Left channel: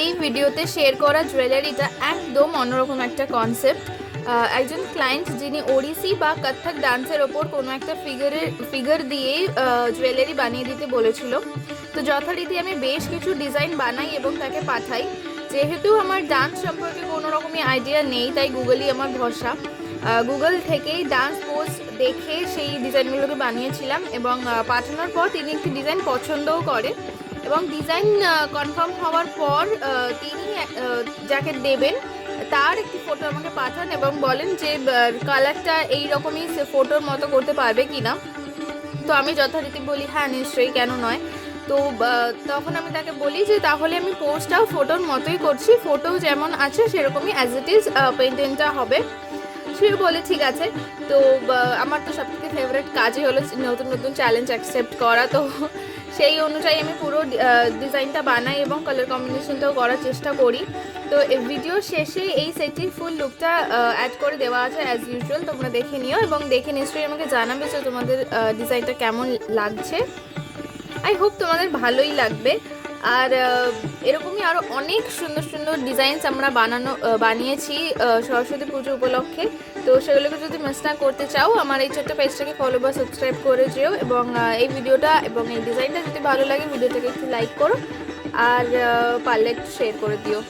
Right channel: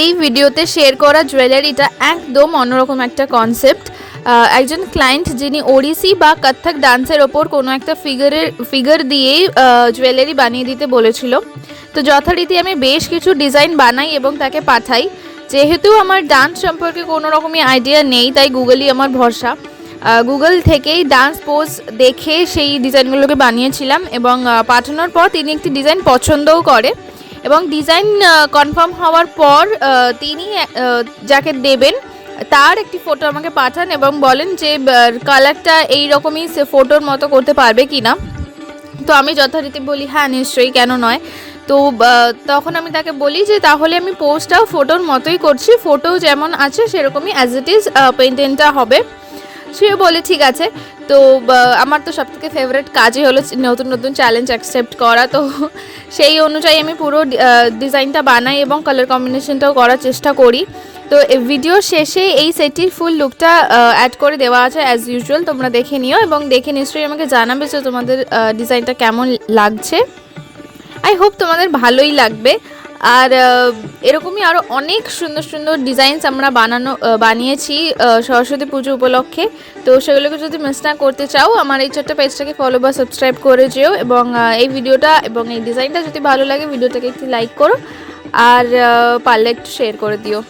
এই ভিডিওতে শেয়ার করা জুয়েলারিটা একদম অন্যরকম একটা কনসেপ্ট। একজন ক্লায়েন্ট যিনি ওড়িশি বা কত্থক ডান্সের ওপর কোনো একটা ফিগার দিয়েই জুয়েলারি বানিয়ে দিতে বলেছিল। তো যথারীতি আমি বেশ কিছু ডিজাইন বানাই এবং তাকে পাঠাই। যেহেতু আমার ডান্স সম্পর্কে কোনো রকমই আইডিয়া নেই, তাই গুগলই আমার ভরসা। গুগল থেকেই ডান্স পোজ দেখে সেই ডিজাইনগুলোকে বানিয়েছিলাম এবং পাঠানোর পর তিনি একটি ডিজাইন পছন্দও করে এবং ডিজাইন কনফার্ম হওয়ার পর তিনি যাকে দেবেন তার একটি ফটো আমাকে পাঠান এবং বলেন যে কালারটা এই রকমই সে ফটোর মতো করতে পারবে কি না। তো আমি যথারীতি বলি হ্যাঁ নিশ্চয়ই, কেন নয়। তো তখন আমি তাকে বলি যে তাহলে আমি পোস্টটাও ফটোর মতোই করছি, ফটো যেমন আছে সেরকমই অ্যাজ ইট ইজ পেন্টিংটা হবে। সে বলে ঠিক আছে। তো আমার তো সবথেকে ফেভারিট কাজই হলো নতুন নতুন চ্যালেঞ্জ অ্যাকসেপ্ট করা। তো সেই অনুযায়ী আমি পুরো ডিজাইনটা বানাই এবং কালার কম্বিনেশনটাও করার চেষ্টা করি। তো ভিডিও শেষে এই সেটটির ফুল লুকটা অ্যাড করে দেওয়া আছে অ্যাজ ইউজুয়াল, তোমরা দেখে নিও এবং দেখে নিশ্চয়ই আমাকে জানাবে যে তোমাদের ডিজাইনটা কেমন লাগছে। আই হোপ তোমাদের ভালোই লাগবে। আর এরকমই আরও অনেক সুন্দর সুন্দর ডিজাইনস আমরা বানিয়েছি সরস্বতী পুজো উপলক্ষে। তো সেগুলোকে যদি মিস না করতে চাও আমার এই ছোট্ট পেজটাকে ফলো বা সাবস্ক্রাইব করে যেও এবং এই ভিডিওটা এবং এই ডিজাইনটা যদি ভালো লাগে ভিডিওটাকে একটু লাইক করো আর পারলে একটু শেয়ার করে দিও।